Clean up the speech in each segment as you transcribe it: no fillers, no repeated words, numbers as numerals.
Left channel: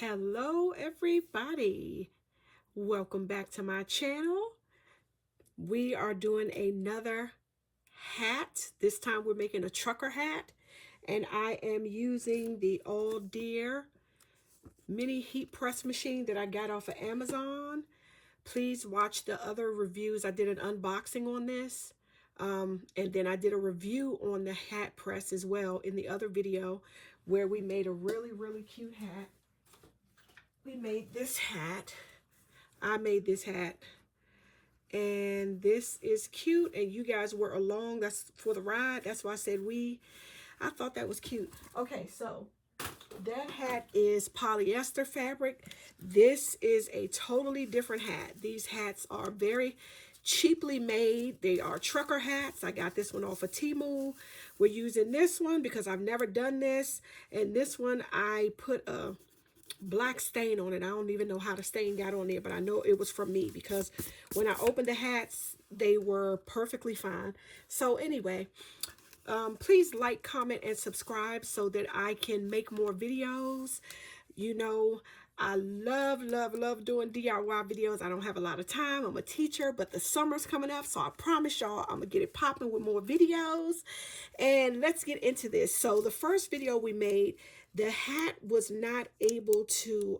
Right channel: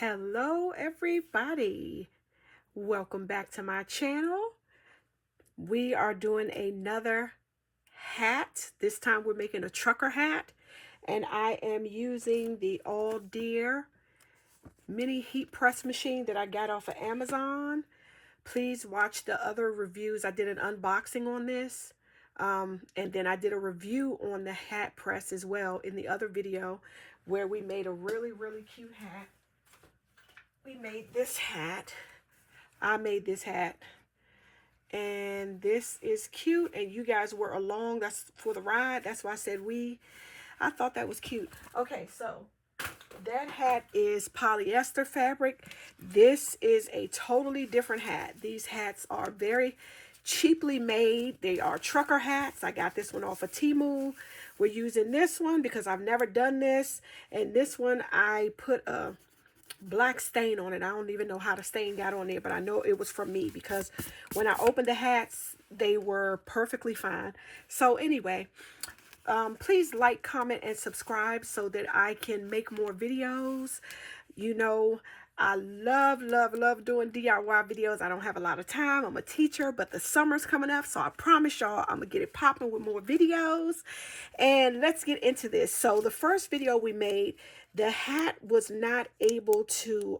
Hello everybody, welcome back to my channel. We are doing another hat. This time we're making a trucker hat, and I am using the All Deer mini heat press machine that I got off of Amazon. Please watch the other reviews. I did an unboxing on this, and then I did a review on the hat press as well in the other video, where we made a really cute hat. We made this hat. I made this hat, and this is cute, and you guys were along. That's for the ride. That's why I said we. I thought that was cute. Okay, so that hat is polyester fabric. This is a totally different hat. These hats are very cheaply made. They are trucker hats. I got this one off of Temu. We're using this one because I've never done this, and this one I put a black stain on it. I don't even know how the stain got on there, but I know it was from me because when I opened the hats, they were perfectly fine. So anyway, please like, comment, and subscribe so that I can make more videos. You know, I love doing DIY videos. I don't have a lot of time. I'm a teacher, but the summer's coming up, so I promise y'all I'm gonna get it popping with more videos. And let's get into this. So the first video we made, the hat was not able to,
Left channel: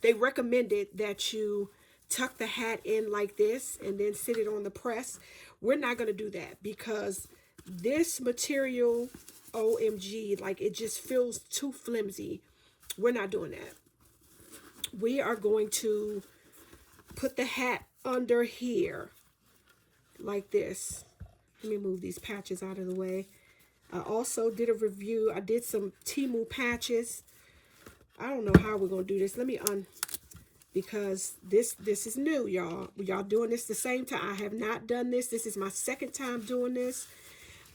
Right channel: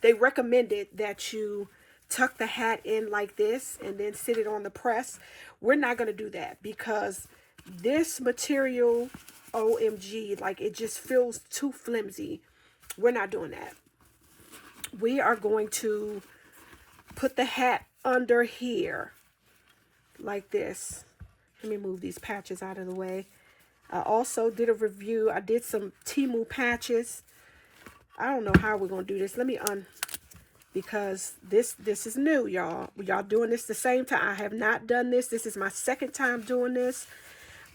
they recommended that you tuck the hat in like this and then sit it on the press. We're not going to do that because this material, OMG, like it just feels too flimsy. We're not doing that. We are going to put the hat under here like this. Let me move these patches out of the way. I also did a review. I did some Temu patches. I don't know how we're going to do this. Let me because this is new, y'all. Y'all doing this the same time. I have not done this. This is my second time doing this.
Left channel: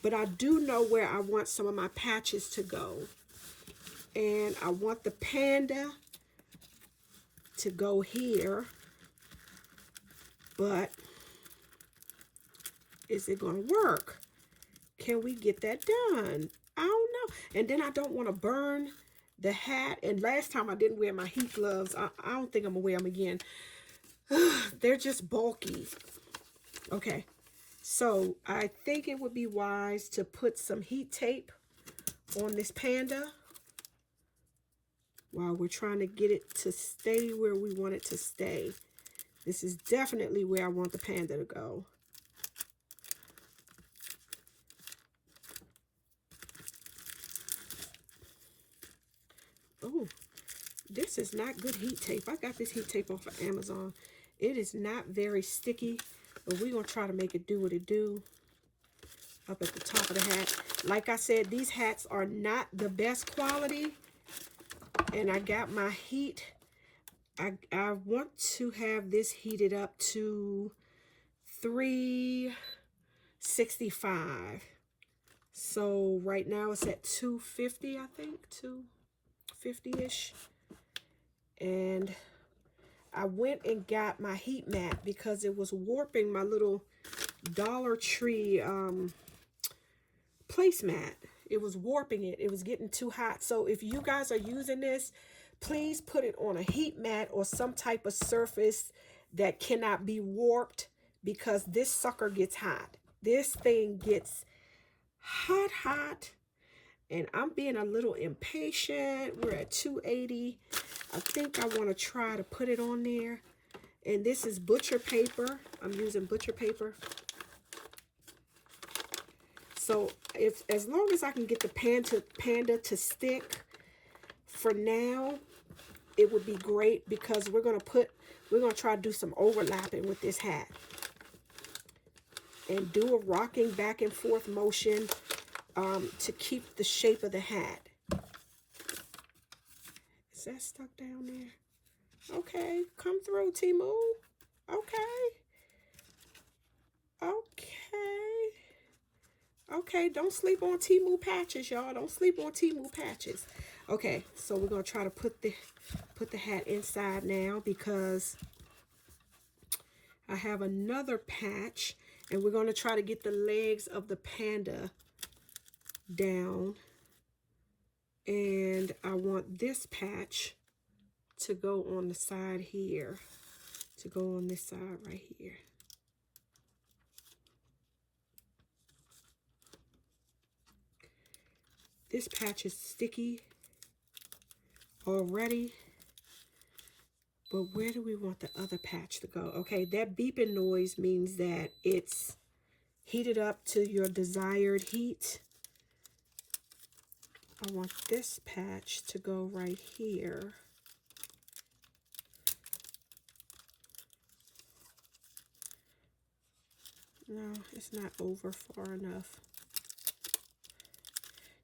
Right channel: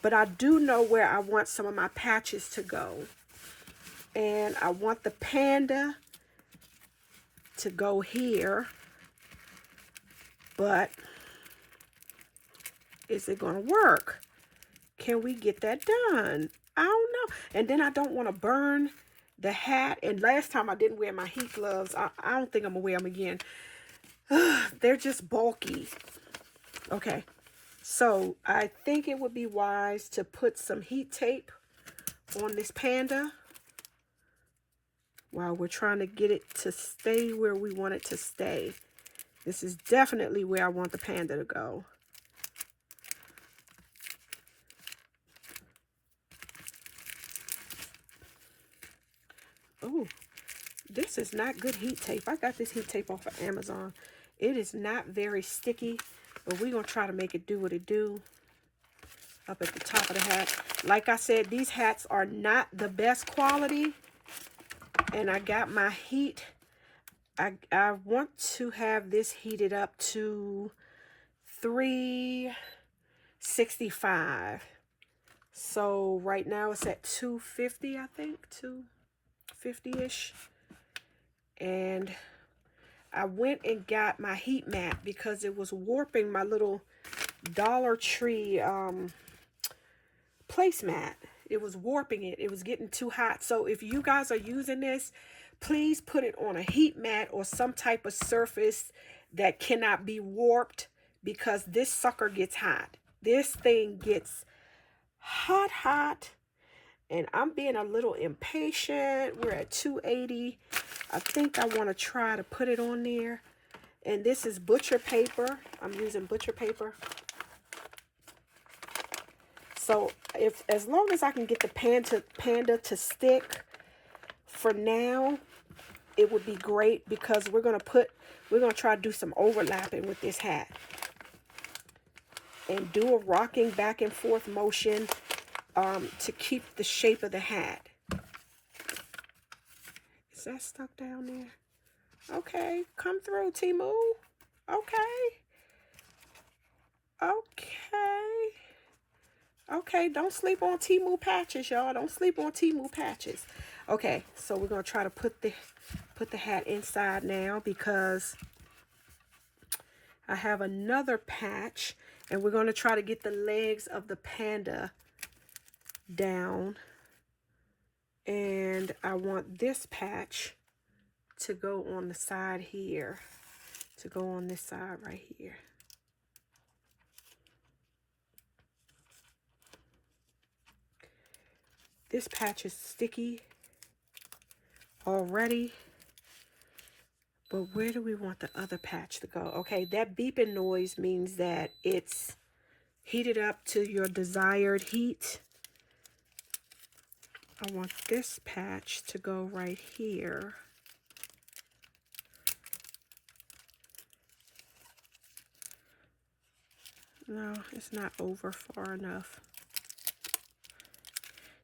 But I do know where I want some of my patches to go. And I want the panda to go here. But is it going to work? Can we get that done? I don't know. And then I don't want to burn the hat. And last time I didn't wear my heat gloves. I don't think I'm going to wear them again. They're just bulky. Okay. So I think it would be wise to put some heat tape on this panda while we're trying to get it to stay where we want it to stay. This is definitely where I want the panda to go. Oh, this is not good heat tape. I got this heat tape off of Amazon. It is not very sticky, but we're going to try to make it do what it do up at the top of the hat. Like I said, these hats are not the best quality, and I got my heat. I want to have this heated up to 365. So right now it's at 250, I think, 250-ish. And I went and got my heat mat because it was warping my little Dollar Tree placemat. It was warping it. It was getting too hot. So if you guys are using this, please put it on a heat mat or some type of surface that cannot be warped, because this sucker gets hot. This thing gets hot. And I'm being a little impatient. We're at 280. I think I want to try to put it on there. And this is butcher paper. I'm using butcher paper. So as long as I can get the panda to stick for now, it would be great, because we're gonna try to do some overlapping with this hat and do a rocking back and forth motion to keep the shape of the hat. Is that stuck down there? Okay, come through, Temu. Okay, don't sleep on Temu Patches, y'all. Don't sleep on Temu Patches. Okay, so we're gonna try to put the hat inside now, because I have another patch, and we're gonna try to get the legs of the panda down. And I want this patch to go on the side here, to go on this side right here. This patch is sticky already, but where do we want the other patch to go? Okay, that beeping noise means that it's heated up to your desired heat. I want this patch to go right here. No, it's not over far enough.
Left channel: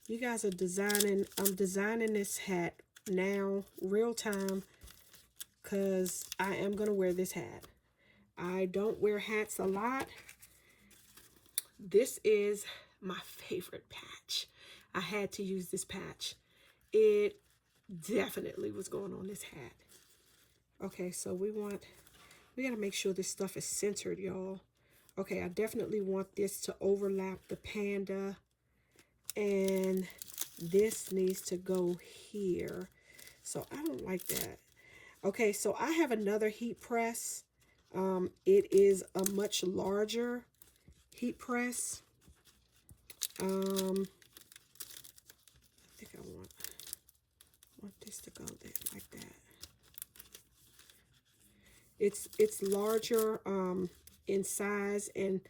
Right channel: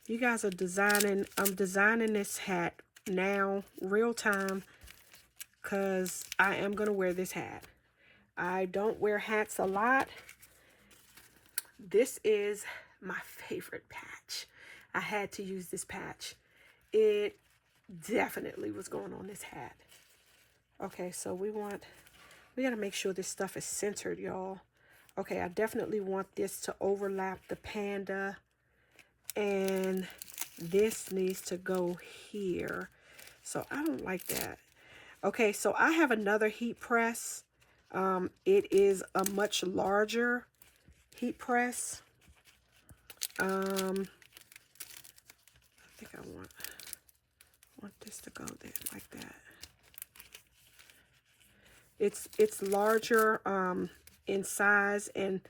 You guys are designing, I'm designing this hat now, real time, because I am going to wear this hat. I don't wear hats a lot. This is my favorite patch. I had to use this patch. It definitely was going on this hat. Okay, so we got to make sure this stuff is centered, y'all. Okay, I definitely want this to overlap the panda, and this needs to go here. So I don't like that. Okay, so I have another heat press. It is a much larger heat press. I think I want this to go there like that. It's larger in size, and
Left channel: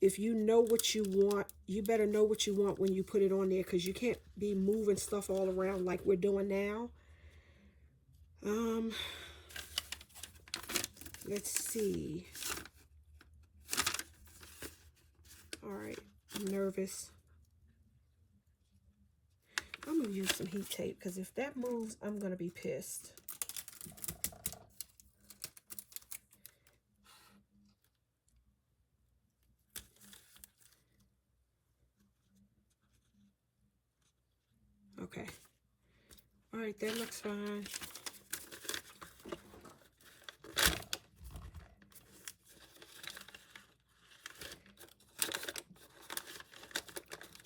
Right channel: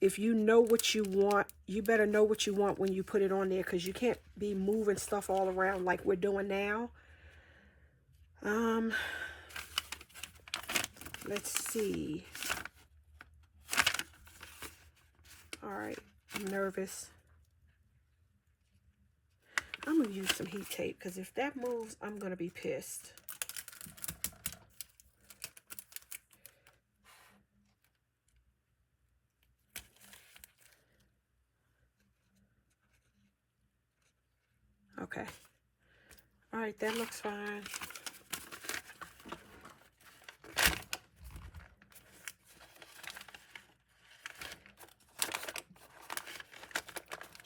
if you know what you want, you better know what you want when you put it on there, because you can't be moving stuff all around like we're doing now. Let's see. All right, I'm nervous. I'm gonna use some heat tape, because if that moves, I'm gonna be pissed. Okay. All right, that looks fine.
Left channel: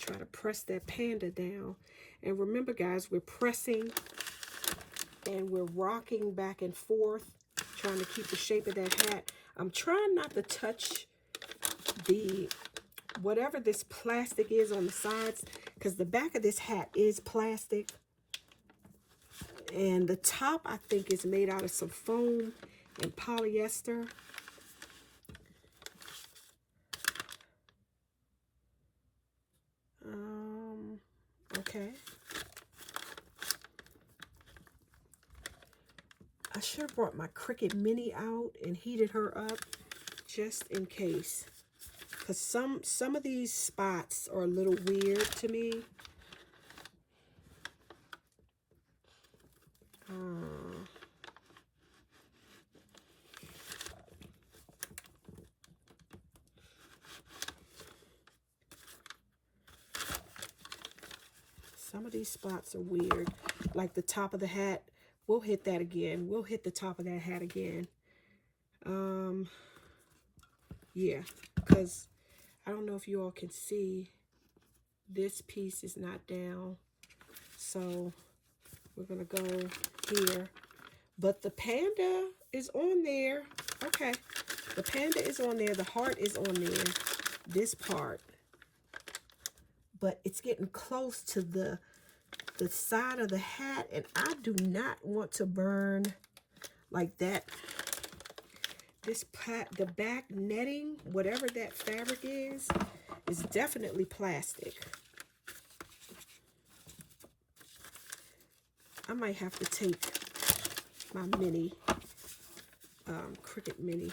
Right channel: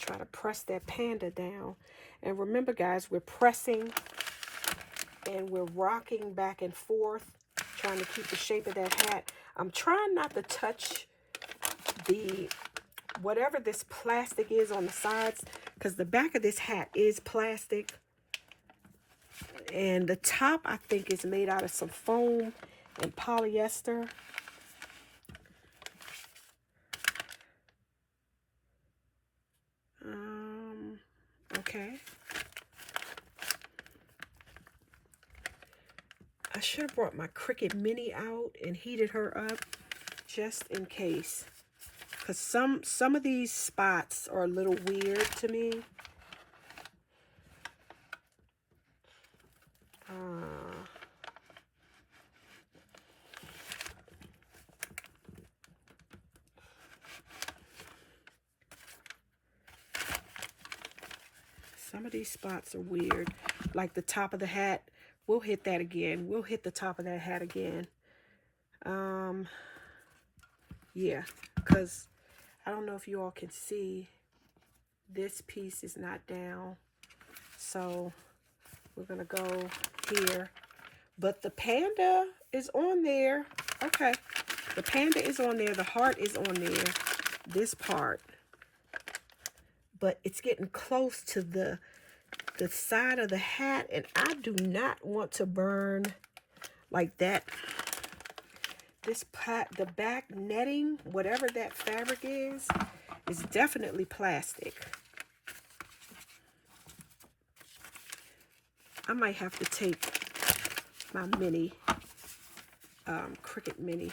Try to press that panda down. And remember, guys, we're pressing and we're rocking back and forth, trying to keep the shape of that hat. I'm trying not to touch the whatever this plastic is on the sides, because the back of this hat is plastic, and the top I think is made out of some foam and polyester. Okay. I should have brought my Cricut Mini out and heated her up just in case, because some of these spots are a little weird to me. Some of these spots are weird, like the top of the hat. We'll hit that again. We'll hit the top of that hat again. Yeah, because I don't know if you all can see, this piece is not down. So we're gonna go here. But the panda is on there. Okay, the panda is on there. The heart is on there. This part. But it's getting close to the side of the hat, and I do not want to burn like that. The back netting, whatever that fabric is definitely plastic. I might have to take my mini, Cricut Mini.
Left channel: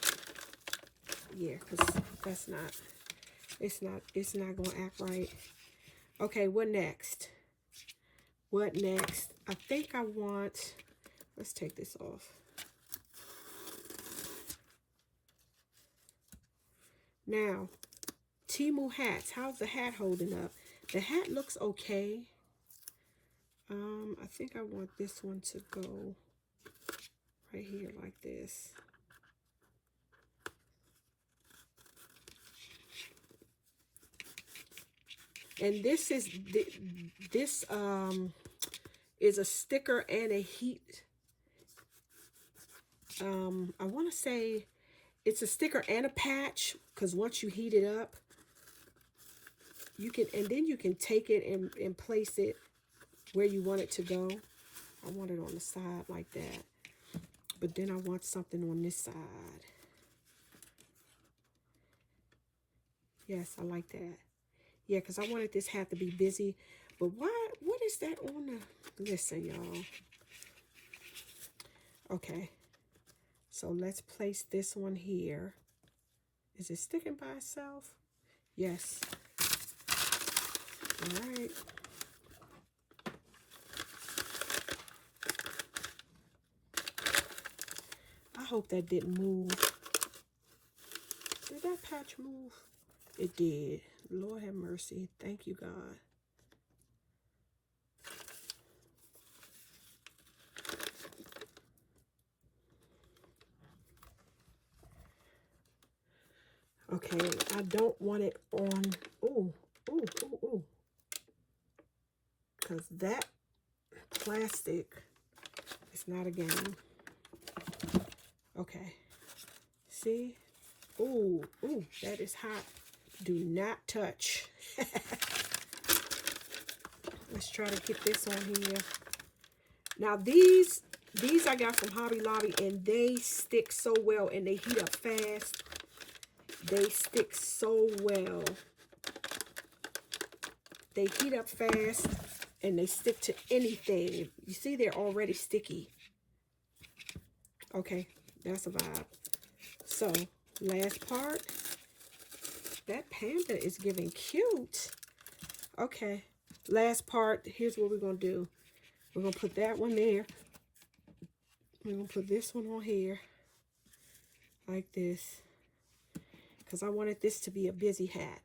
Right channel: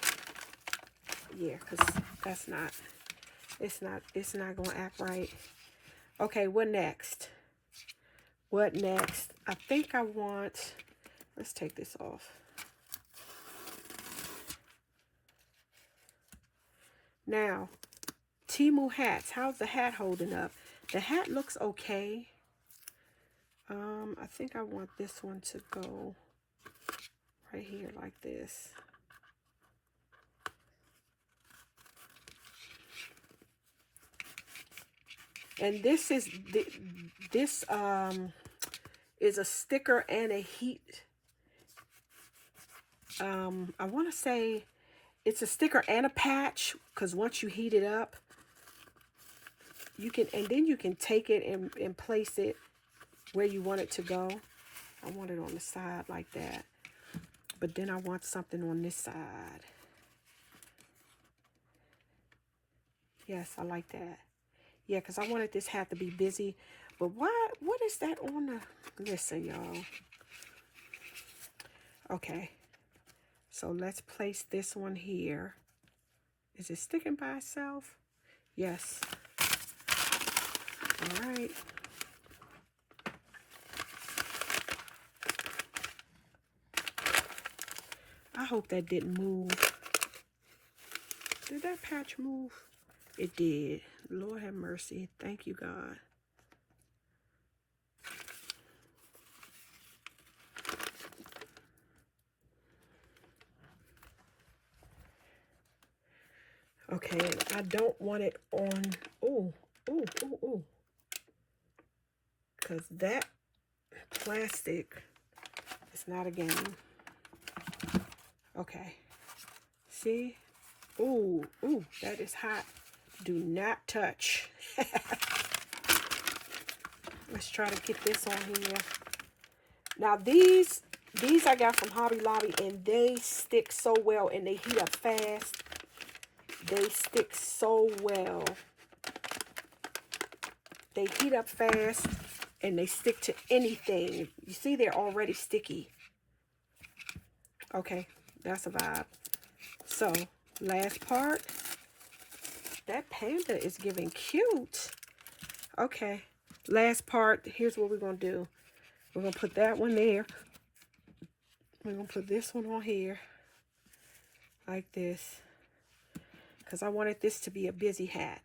Yeah, because it's not gonna act right. Okay, what next? What next? I think I want, let's take this off. Now, Temu hats. How's the hat holding up? The hat looks okay. I think I want this one to go right here like this. And this is a sticker and a heat I want to say it's a sticker and a patch, because once you heat it up, you can, and then you can take it and place it where you want it to go. I want it on the side like that, but then I want something on this side. Yes, I like that. Yeah, because I wanted this hat to be busy. But what is that on the, listen, y'all. Okay, so let's place this one here. Is it sticking by itself? Yes. All right. I hope that didn't move. Did that patch move? It did. Lord have mercy. Thank you, God. Okay, I don't want it on, ooh, ooh, ooh, ooh. Because that plastic is not a game. Okay. See? Ooh, ooh, that is hot. Do not touch. Let's try to get this on here. Now these I got from Hobby Lobby, and they stick so well and they heat up fast. They stick so well. They heat up fast and they stick to anything. You see, they're already sticky. Okay, that's a vibe. So, last part. That panda is giving cute. Okay, last part. Here's what we're going to do. We're going to put that one there. We're going to put this one on here. Like this. Because I wanted this to be a busy hat.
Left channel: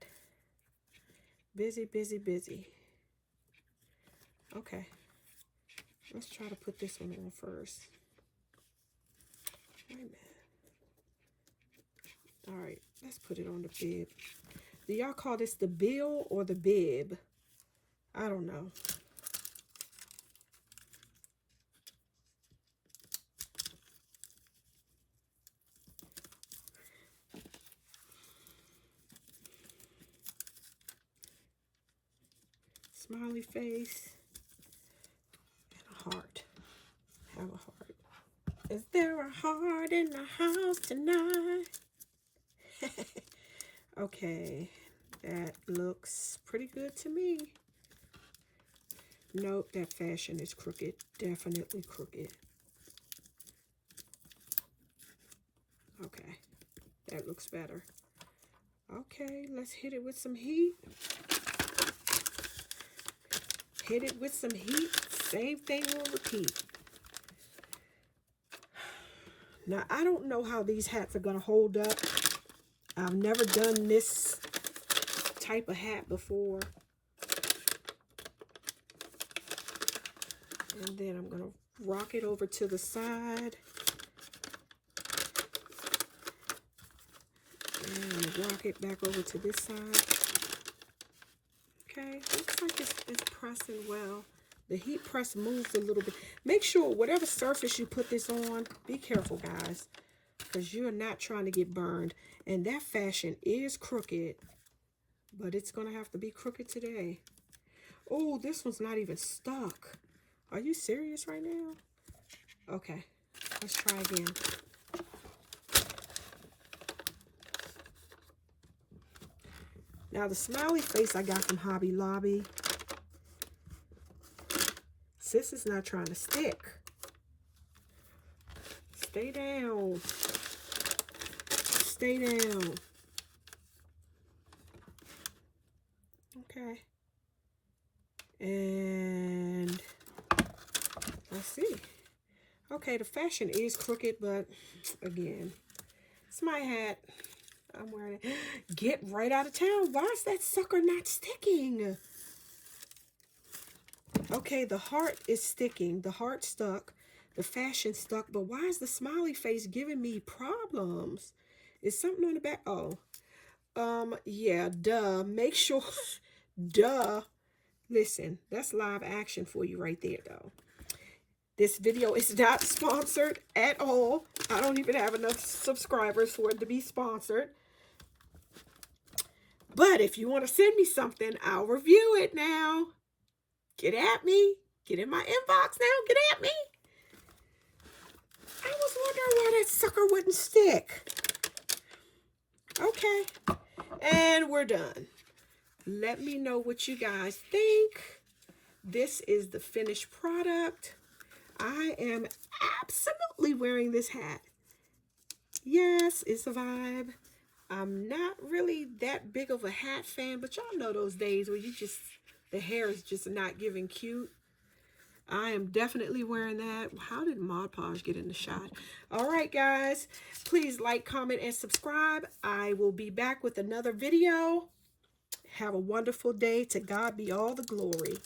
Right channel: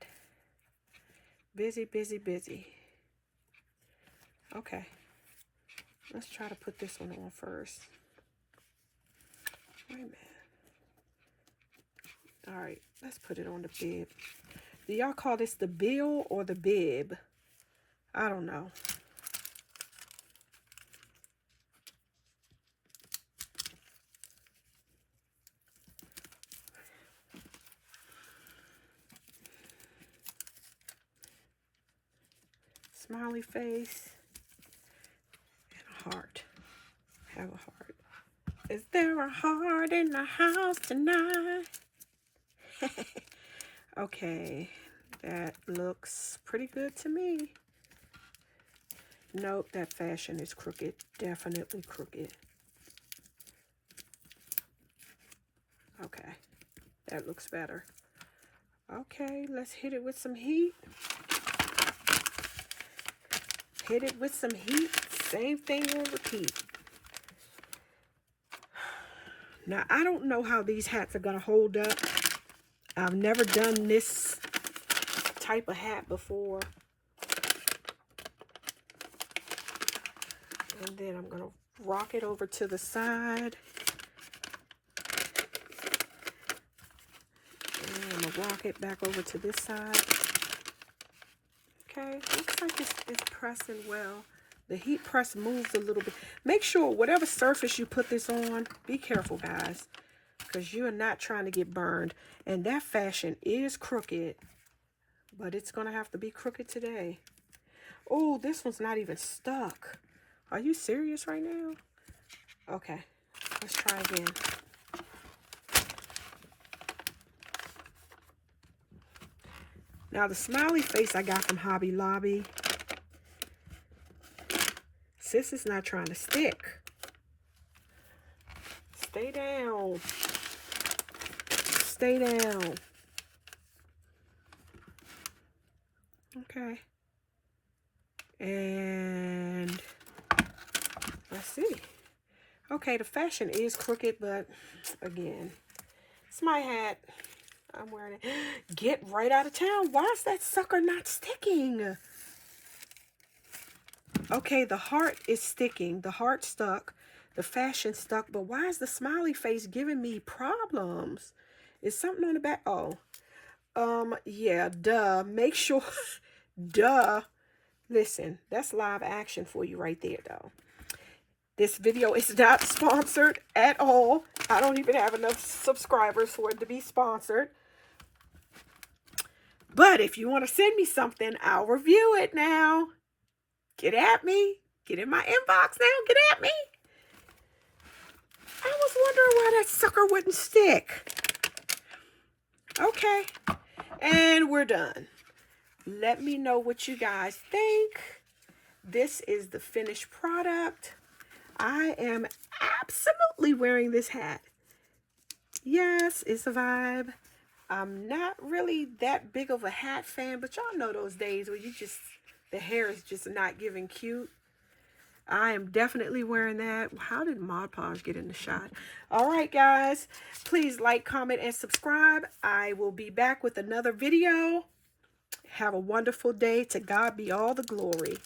Busy, busy, busy. Okay. Let's try to put this one on first. Wait a minute. All right, let's put it on the bib. Do y'all call this the bill or the bib? I don't know. Smiley face and a heart. Have a heart. Is there a heart in the house tonight? Okay, that looks pretty good to me. Nope, that fashion is crooked. Definitely crooked. Okay, that looks better. Okay, let's hit it with some heat. Hit it with some heat. Same thing on repeat. Now, I don't know how these hats are going to hold up. I've never done this type of hat before. And then I'm going to rock it over to the side. And I'm going to rock it back over to this side. Okay, looks like it's pressing well. The heat press moves a little bit. Make sure whatever surface you put this on, be careful, guys, because you're not trying to get burned. And that fashion is crooked, but it's going to have to be crooked today. Oh, this one's not even stuck. Are you serious right now? Okay, let's try again. Now, the smiley face I got from Hobby Lobby. Sis is not trying to stick. Stay down. Stay down. Okay. And let's see. Okay, the fashion is crooked, but again, it's my hat. I'm wearing it. Get right out of town. Why is that sucker not sticking? Okay, the heart is sticking. The heart stuck. The fashion stuck. But why is the smiley face giving me problems? Is something on the back? Oh. Yeah, duh. Make sure. Duh. Listen, that's live action for you right there, though. This video is not sponsored at all. I don't even have enough subscribers for it to be sponsored. But if you want to send me something, I'll review it now. Get at me. Get in my inbox now. Get at me. I was wondering why that sucker wouldn't stick. Okay. And we're done. Let me know what you guys think. This is the finished product. I am absolutely wearing this hat. Yes, it's a vibe. I'm not really that big of a hat fan, but y'all know those days where the hair is just not giving cute. I am definitely wearing that. How did Mod Podge get in the shot? All right, guys. Please like, comment, and subscribe. I will be back with another video. Have a wonderful day. To God be all the glory.